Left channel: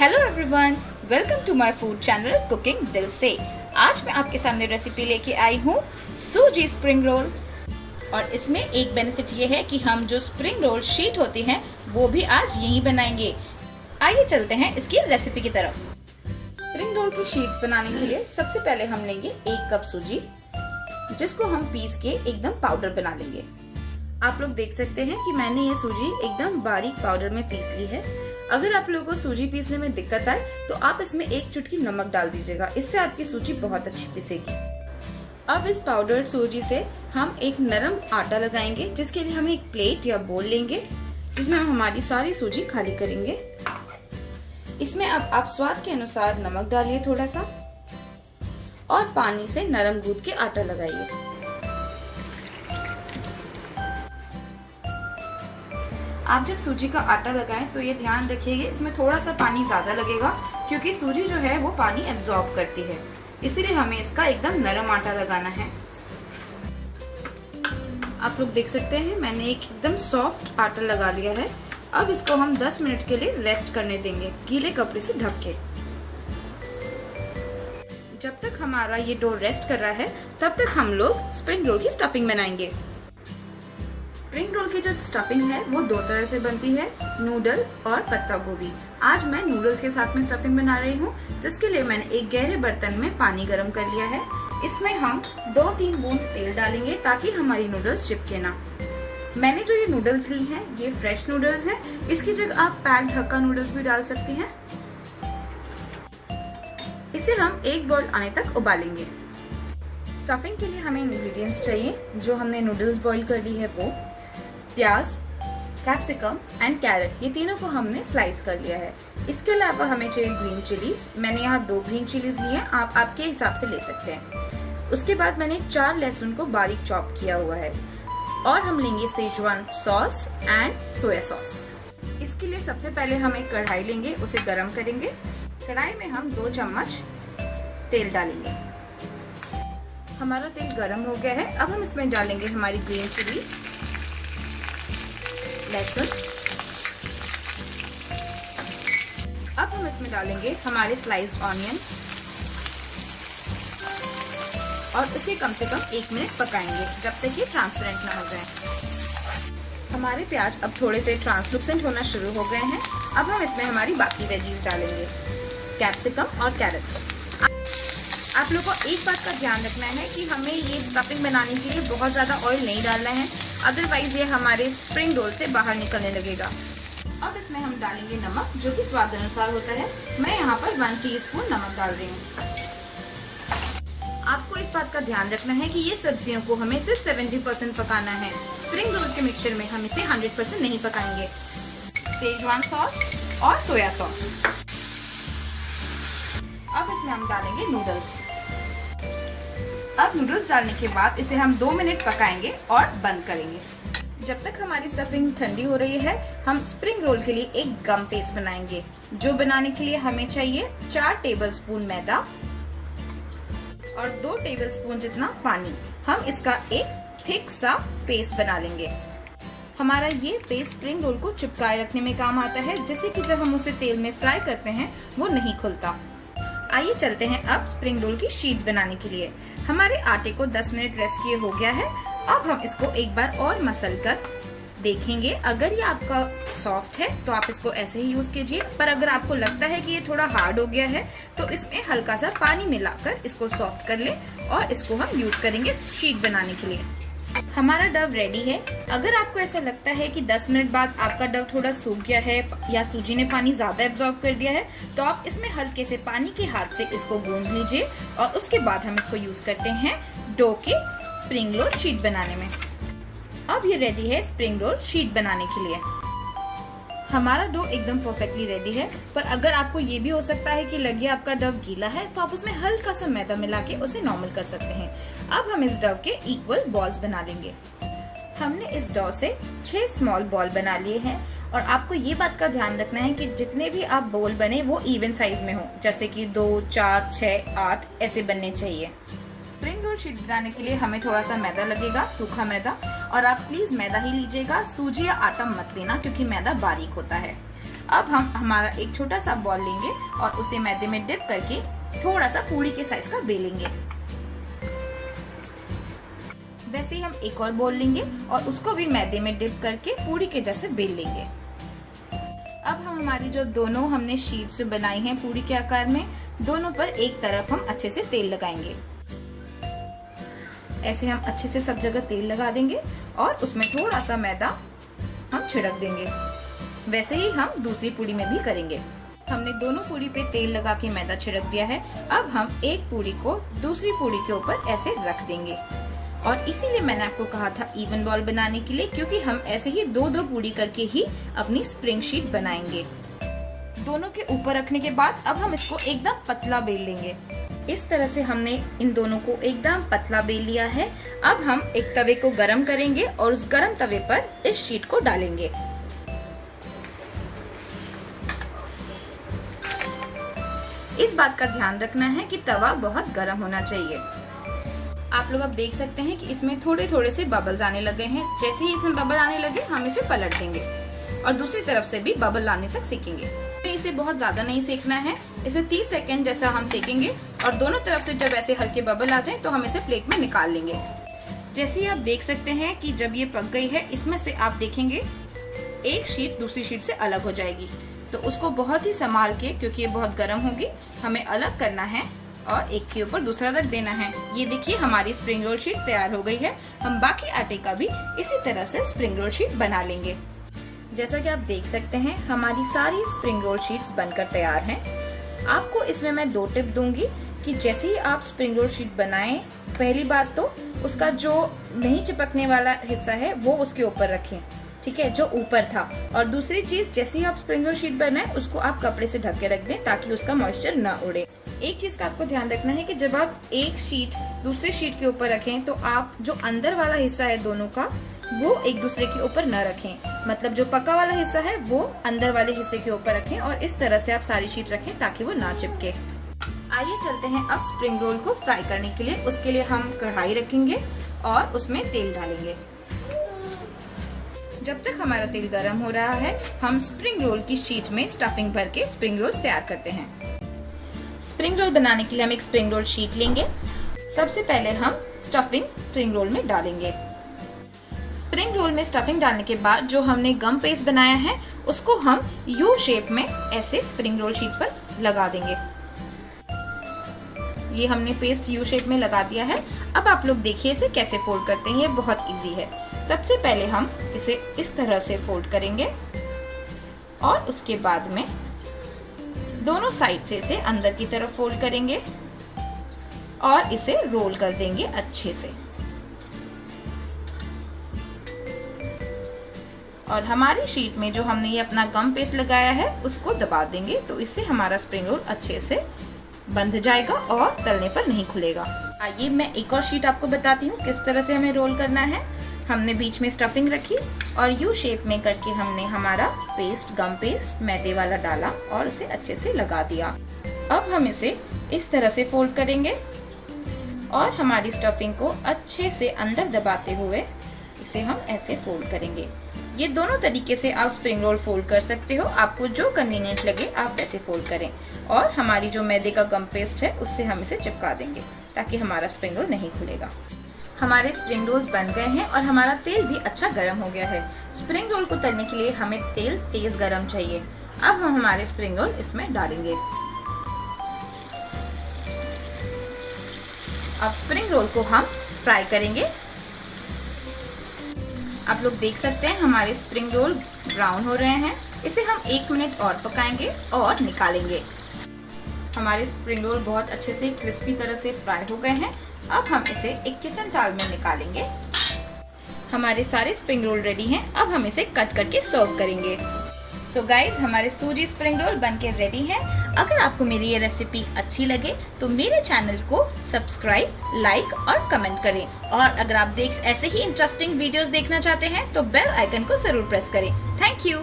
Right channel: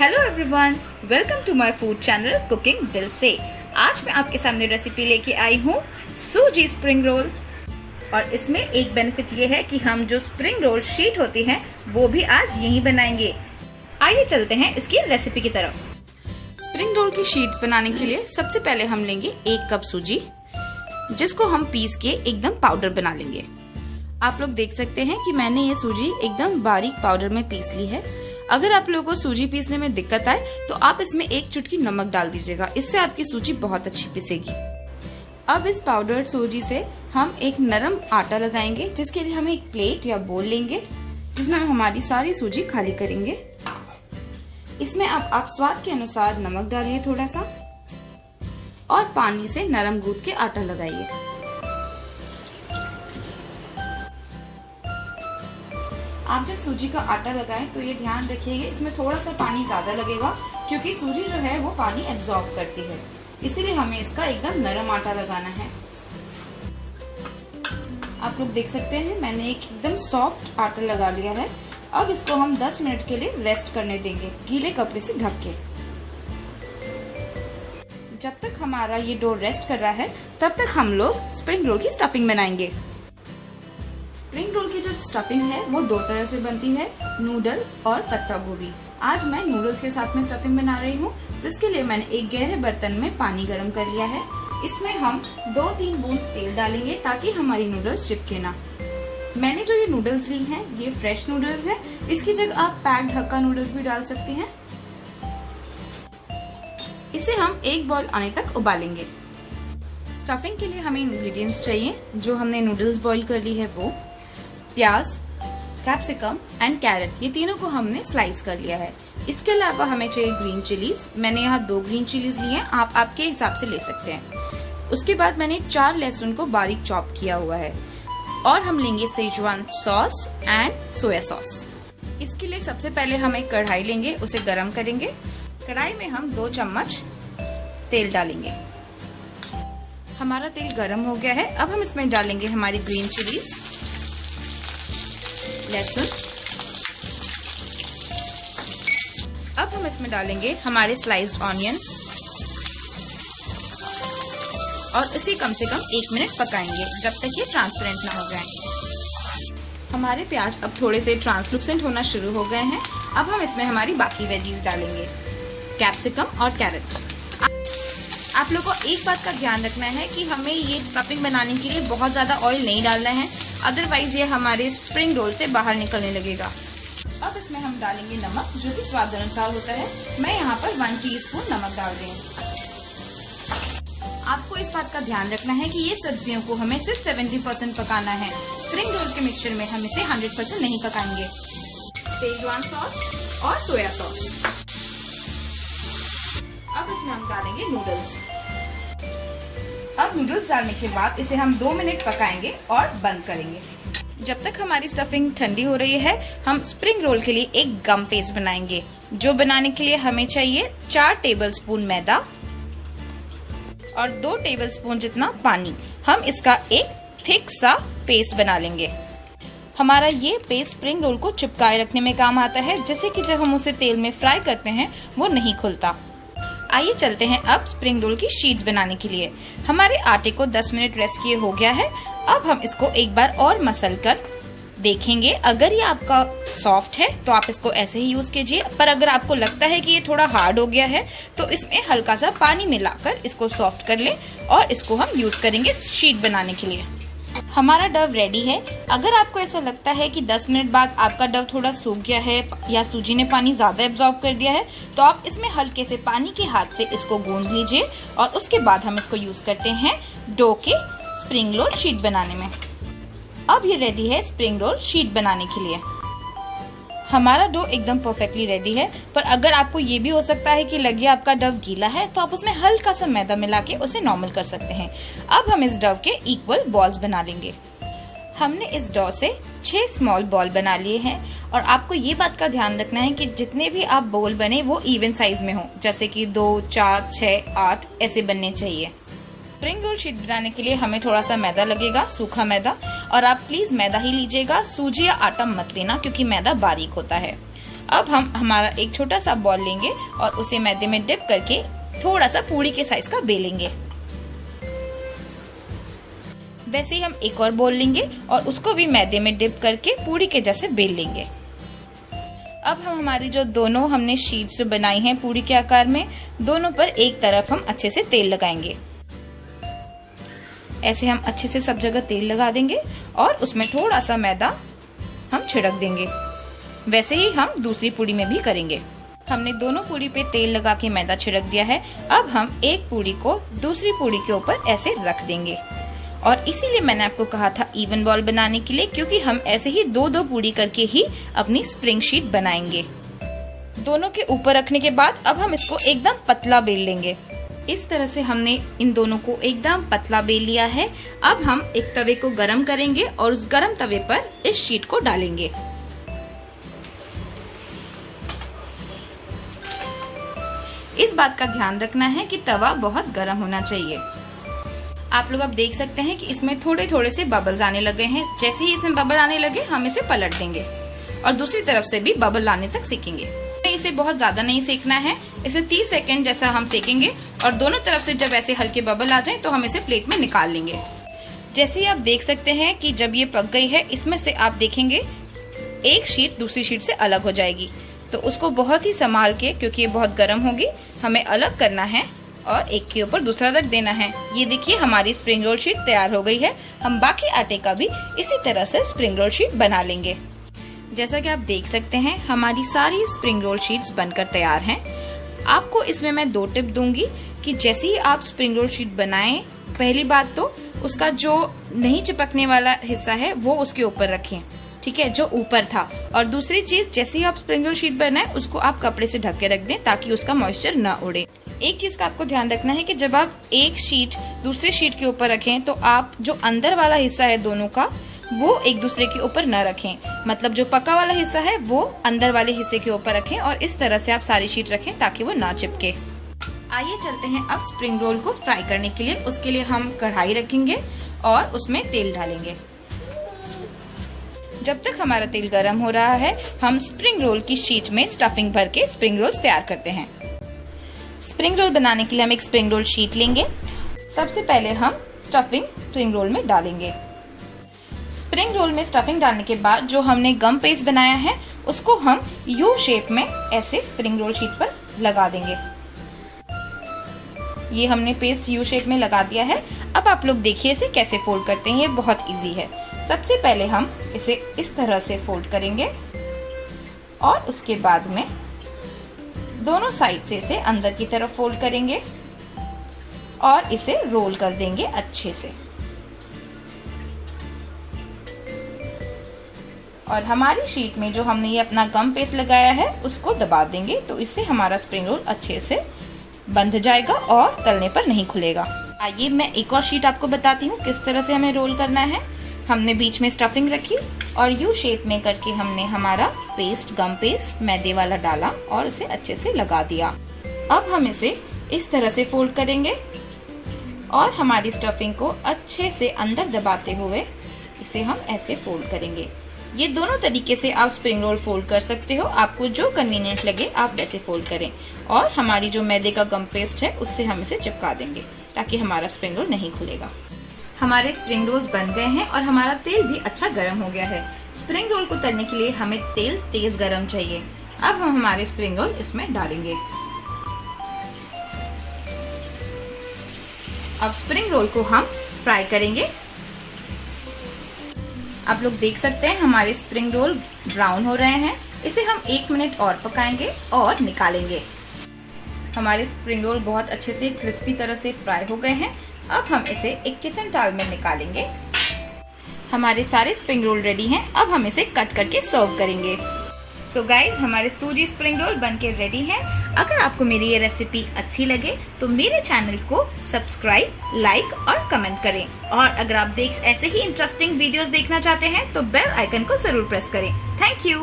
Hello everyone, welcome to my food channel cooking दिल से। आज मैं आपके सामने रेसिपी लेके आई हूँ सूजी स्प्रिंग रोल। और इसमें एक बेनिफिट ये है कि हम जो स्प्रिंग रोल शीट होती हैं वो भी आज यहीं बनाएंगे। आइए चलते हैं इसकी रेसिपी की तरफ। स्प्रिंग रोल की शीट्स बनाने के लिए सबसे पहले हम लेंगे 1 कप सूजी, जिसको हम पीस के एकदम पाउडर बना लेंगे। आप लोग देख सकते हैं कि मैंने ये सूजी एकदम बारीक पाउडर में पीस ली है। अगर आप लोगों को सूजी पीसने में दिक्कत आए तो आप इसमें 1 चुटकी नमक डाल दीजिएगा, इससे आपकी सूजी बहुत अच्छी पिसेगी। अब इस पाउडर्ड सूजी से हम एक नरम आटा लगाएंगे, जिसके लिए हम एक प्लेट या बोल लेंगे, जिसमें हम हमारी सारी सूजी खाली करेंगे। इसमें अब आप स्वाद के अनुसार नमक डालिए थोड़ा सा, और पानी से नरम गूंथ के आटा लगाइए। आप जब सूजी का आटा लगाएं तो ये ध्यान रखिएगा, इसमें थोड़ा सा पानी ज्यादा लगेगा, क्योंकि सूजी जो है वो पानी एब्जॉर्ब करती है, इसीलिए हमें इसका एकदम नरम आटा लगाना है। आप लोग देख सकते हैं मैंने एक एकदम सॉफ्ट आटा लगा लिया है। अब इसको हम 10 मिनट के लिए रेस्ट करने देंगे, गीले कपड़े से ढक के। जब तक हमारा ये डो रेस्ट कर रहा है, तब तक हम लोग स्प्रिंग रोल की स्टफिंग बनाएंगे। स्प्रिंग रोल की जो स्टफिंग है वो 2 तरह से बनती है, नूडल और पत्ता गोभी। आज मैं नूडल्स के साथ में स्टफिंग बना रही हूँ, जिसके लिए मैंने एक गहरे बर्तन में पानी गर्म कर लिया है। इसमें हम 2-3 बूंद तेल डालेंगे ताकि हमारी नूडल्स चिपके ना। मैंने जो ये नूडल्स ली हैं ये फ्रेश नूडल्स है, इसकी जगह आप पैक्ड हक्का नूडल्स भी डाल सकते हैं। इसे हम 1 बॉईल आने तक उबालेंगे। स्टफिंग के लिए हमें इंग्रेडिएंट्स चाहिए। जो हमने नूडल्स बॉईल कर ली है वो प्याज, कैप्सिकम एंड कैरेट, ये तीनों को हमने स्लाइस कर लिया है। इसके अलावा हमें चाहिए ग्रीन चिलीज। मैंने यहाँ 2 ग्रीन चिलीज लिए हैं, आप आपके हिसाब से ले सकते हैं। उसके बाद मैंने 4 लहसुन को बारीक चॉप किया हुआ है, और हम लेंगे Schezwan sauce and soya sauce. इसके लिए सबसे पहले हम एक कढ़ाई लेंगे, उसे गर्म करेंगे। कढ़ाई में हम 2 चम्मच तेल डालेंगे। हमारा तेल गर्म हो गया है। अब हम इसमें डालेंगे हमारी ग्रीन चिलीज, लहसुन। अब हम इसमें डालेंगे हमारे स्लाइस्ड ऑनियन, और इसे कम से कम 1 मिनट पकाएंगे, जब तक ये ट्रांसपेरेंट ना हो जाए। हमारे प्याज अब थोड़े से ट्रांसलूसेंट होना शुरू हो गए हैं। अब हम इसमें हमारी बाकी वेजीज डालेंगे, कैप्सिकम और कैरेट। आप लोगों को एक बात का ध्यान रखना है कि हमें ये स्टफिंग बनाने के लिए बहुत ज़्यादा ऑयल नहीं डालना है, अदरवाइज ये हमारे स्प्रिंग रोल से बाहर निकलने लगेगा। अब इसमें हम डालेंगे नमक, जो कि स्वाद अनुसार होता है। मैं यहाँ पर 1 टीस्पून नमक डाल रही हूँ। आपको इस बात का ध्यान रखना है कि ये सब्जियों को हमें सिर्फ 70% पकाना है। स्प्रिंग रोल के मिक्सचर में हम इसे 100% नहीं पकाएंगे। सेजवान सॉस और सोया सॉस। अब इसमें हम डालेंगे नूडल्स। अब नूडल्स डालने के बाद इसे हम 2 मिनट पकाएंगे और बंद करेंगे। जब तक हमारी स्टफिंग ठंडी हो रही है, हम स्प्रिंग रोल के लिए एक गम पेस्ट बनाएंगे, जो बनाने के लिए हमें चाहिए 4 टेबलस्पून मैदा और 2 टेबलस्पून जितना पानी। हम इसका एक थिक सा पेस्ट बना लेंगे। हमारा ये पेस्ट स्प्रिंग रोल को चिपकाए रखने में काम आता है, जिससे कि जब हम उसे तेल में फ्राई करते हैं वो नहीं खुलता। आइए चलते हैं अब स्प्रिंग रोल की शीट्स बनाने के लिए। हमारे आटे को 10 मिनट रेस्ट किए हो गया है। अब हम इसको एक बार और मसल कर देखेंगे। अगर ये आपका सॉफ्ट है तो आप इसको ऐसे ही यूज कीजिए, पर अगर आपको लगता है कि ये थोड़ा हार्ड हो गया है तो इसमें हल्का सा पानी मिलाकर इसको सॉफ्ट कर लें, और इसको हम यूज करेंगे शीट बनाने के लिए। हमारा डव रेडी है। अगर आपको ऐसा लगता है कि 10 मिनट बाद आपका डव थोड़ा सूख गया है या सूजी ने पानी ज्यादा एब्जॉर्ब कर दिया है, तो आप इसमें हल्के से पानी के हाथ से इसको गूंद लीजिए, और उसके बाद हम इसको यूज करते हैं डो के स्प्रिंग रोल शीट बनाने में। अब ये रेडी है स्प्रिंग रोल शीट बनाने के लिए। हमारा डो एकदम परफेक्टली रेडी है, पर अगर आपको ये भी हो सकता है कि लगे आपका डव गीला है, तो आप उसमें हल्का सा मैदा मिला के उसे नॉर्मल कर सकते हैं। अब हम इस डव के इक्वल बॉल्स बना लेंगे। हमने इस डो से 6 स्मॉल बॉल बना लिए हैं, और आपको ये बात का ध्यान रखना है कि जितने भी आप बॉल बने वो इवन साइज में हो, जैसे कि 2, 4, 6, 8 ऐसे बनने चाहिए। स्प्रिंग रोल शीट बनाने के लिए हमें थोड़ा सा मैदा लगेगा, सूखा मैदा, और आप प्लीज मैदा ही लीजिएगा, सूजी या आटा मत लेना क्योंकि मैदा बारीक होता है। अब हम हमारा एक छोटा सा बॉल लेंगे और उसे मैदे में डिप करके थोड़ा सा पूरी के साइज का बेलेंगे। वैसे ही हम एक और बॉल लेंगे और उसको भी मैदे में डिप करके पूरी के जैसे बेल लेंगे। अब हम हमारी जो दोनों हमने शीट्स बनाई हैं पूरी के आकार में, दोनों पर एक तरफ हम अच्छे से तेल लगाएंगे। ऐसे हम अच्छे से सब जगह तेल लगा देंगे और उसमें थोड़ा सा मैदा हम छिड़क देंगे। वैसे ही हम दूसरी पूरी में भी करेंगे। हमने दोनों पूरी पे तेल लगा के मैदा छिड़क दिया है। अब हम एक पूरी को दूसरी पूरी के ऊपर ऐसे रख देंगे और इसीलिए मैंने आपको कहा था इवन बॉल बनाने के लिए, क्योंकि हम ऐसे ही दो दो पूरी करके ही अपनी स्प्रिंग शीट बनाएंगे। दोनों के ऊपर रखने के बाद अब हम इसको एकदम पतला बेल लेंगे। इस तरह से हमने इन दोनों को एकदम पतला बेल लिया है। अब हम एक तवे को गरम करेंगे और उस गरम तवे पर इस शीट को डालेंगे। इस बात का ध्यान रखना है कि तवा बहुत गरम होना चाहिए। आप लोग अब देख सकते हैं कि इसमें थोड़े थोड़े से बबल्स आने लगे हैं। जैसे ही इसमें बबल आने लगे हम इसे पलट देंगे और दूसरी तरफ से भी बबल आने तक सेकेंगे। इसे बहुत ज्यादा नहीं सेकना है, इसे 30 सेकंड जैसा हम सेकेंगे और दोनों तरफ से जब ऐसे हल्के बबल आ जाए तो हम इसे प्लेट में निकाल लेंगे। जैसे ही आप देख सकते हैं कि जब ये पक गई है, इसमें से आप देखेंगे एक शीट दूसरी शीट से अलग हो जाएगी। तो उसको बहुत ही संभाल के, क्योंकि ये बहुत गर्म होगी, हमें अलग करना है और एक के ऊपर दूसरा रख देना है। ये देखिए हमारी स्प्रिंग रोल शीट तैयार हो गई है। हम बाकी आटे का भी इसी तरह से स्प्रिंग रोल शीट बना लेंगे। जैसा कि आप देख सकते हैं हमारी सारी स्प्रिंग रोल शीट्स बनकर तैयार हैं। आपको इसमें मैं 2 टिप दूंगी कि जैसे ही आप स्प्रिंग रोल शीट बनाएं, पहली बात तो उसका जो नहीं चिपकने वाला हिस्सा है वो उसके ऊपर रखें, ठीक है, जो ऊपर था। और दूसरी चीज, जैसे ही आप स्प्रिंग रोल शीट बनाएं उसको आप कपड़े से ढक के रख दें ताकि उसका मॉइस्चर न उड़े। एक चीज का आपको ध्यान रखना है कि जब आप एक शीट दूसरी शीट के ऊपर रखें तो आप जो अंदर वाला हिस्सा है दोनों का वो एक दूसरे के ऊपर न रखें। मतलब जो पका वाला हिस्सा है वो अंदर वाले हिस्से के ऊपर रखें और इस तरह से आप सारी शीट रखें ताकि वो ना चिपके। आइए चलते हैं अब स्प्रिंग रोल को फ्राई करने के लिए। उसके लिए हम कढ़ाई रखेंगे और उसमें तेल डालेंगे। जब तक हमारा तेल गर्म हो रहा है हम स्प्रिंग रोल की शीट में स्टफिंग भर के स्प्रिंग रोल्स तैयार करते हैं। स्प्रिंग रोल बनाने के लिए हम एक स्प्रिंग रोल शीट लेंगे। सबसे पहले हम स्टफिंग स्प्रिंग रोल में डालेंगे। स्प्रिंग रोल में स्टफिंग डालने के बाद जो हमने गम पेस्ट बनाया है उसको हम यू शेप में ऐसे स्प्रिंग रोल शीट पर लगा देंगे। ये हमने पेस्ट यू शेप में लगा दिया है। अब आप लोग देखिए इसे कैसे फोल्ड करते हैं, ये बहुत इजी है। सबसे पहले हम इसे इस तरह से फोल्ड करेंगे और उसके बाद में दोनों साइड से इसे अंदर की तरफ फोल्ड करेंगे और इसे रोल कर देंगे अच्छे से। और हमारी शीट में जो हमने ये अपना गम पेस्ट लगाया है उसको दबा देंगे, तो इससे हमारा स्प्रिंग रोल अच्छे से बंध जाएगा और तलने पर नहीं खुलेगा। आइए मैं एक और शीट आपको बताती हूँ किस तरह से हमें रोल करना है। हमने बीच में स्टफिंग रखी और यू शेप में करके हमने हमारा पेस्ट, गम पेस्ट मैदे वाला डाला और इसे अच्छे से लगा दिया। अब हम इसे इस तरह से फोल्ड करेंगे और हमारी स्टफिंग को अच्छे से अंदर दबाते हुए इसे हम ऐसे फोल्ड करेंगे। ये दोनों तरीके से आप स्प्रिंग रोल फोल्ड कर सकते हो, आपको जो कन्वीनियंट लगे आप वैसे फोल्ड करें। और हमारी जो मैदे का गम पेस्ट है उससे हम इसे चिपका देंगे ताकि हमारा स्प्रिंग रोल नहीं खुलेगा। हमारे स्प्रिंग रोल्स बन गए हैं और हमारा तेल भी अच्छा गर्म हो गया है। स्प्रिंग रोल को तलने के लिए हमें तेल तेज गर्म चाहिए। अब हम हमारे स्प्रिंग रोल इसमें डालेंगे। अब स्प्रिंग रोल को हम फ्राई करेंगे। आप लोग देख सकते हैं हमारे स्प्रिंग रोल ब्राउन हो रहे हैं। इसे हम 1 मिनट और पकाएंगे और निकालेंगे। हमारे स्प्रिंग रोल बहुत अच्छे से क्रिस्पी तरह से फ्राई हो गए हैं। अब हम इसे एक किचन टॉवल में निकालेंगे। हमारे सारे स्प्रिंग रोल रेडी हैं। अब हम इसे कट करके सर्व करेंगे। सो गाइज हमारे सूजी स्प्रिंग रोल बनके रेडी है। अगर आपको मेरी ये रेसिपी अच्छी लगे तो मेरे चैनल को सब्सक्राइब, लाइक और कमेंट करें। और अगर आप ऐसे ही इंटरेस्टिंग वीडियोस देखना चाहते हैं तो बेल आइकन को जरूर प्रेस करें। Thank you.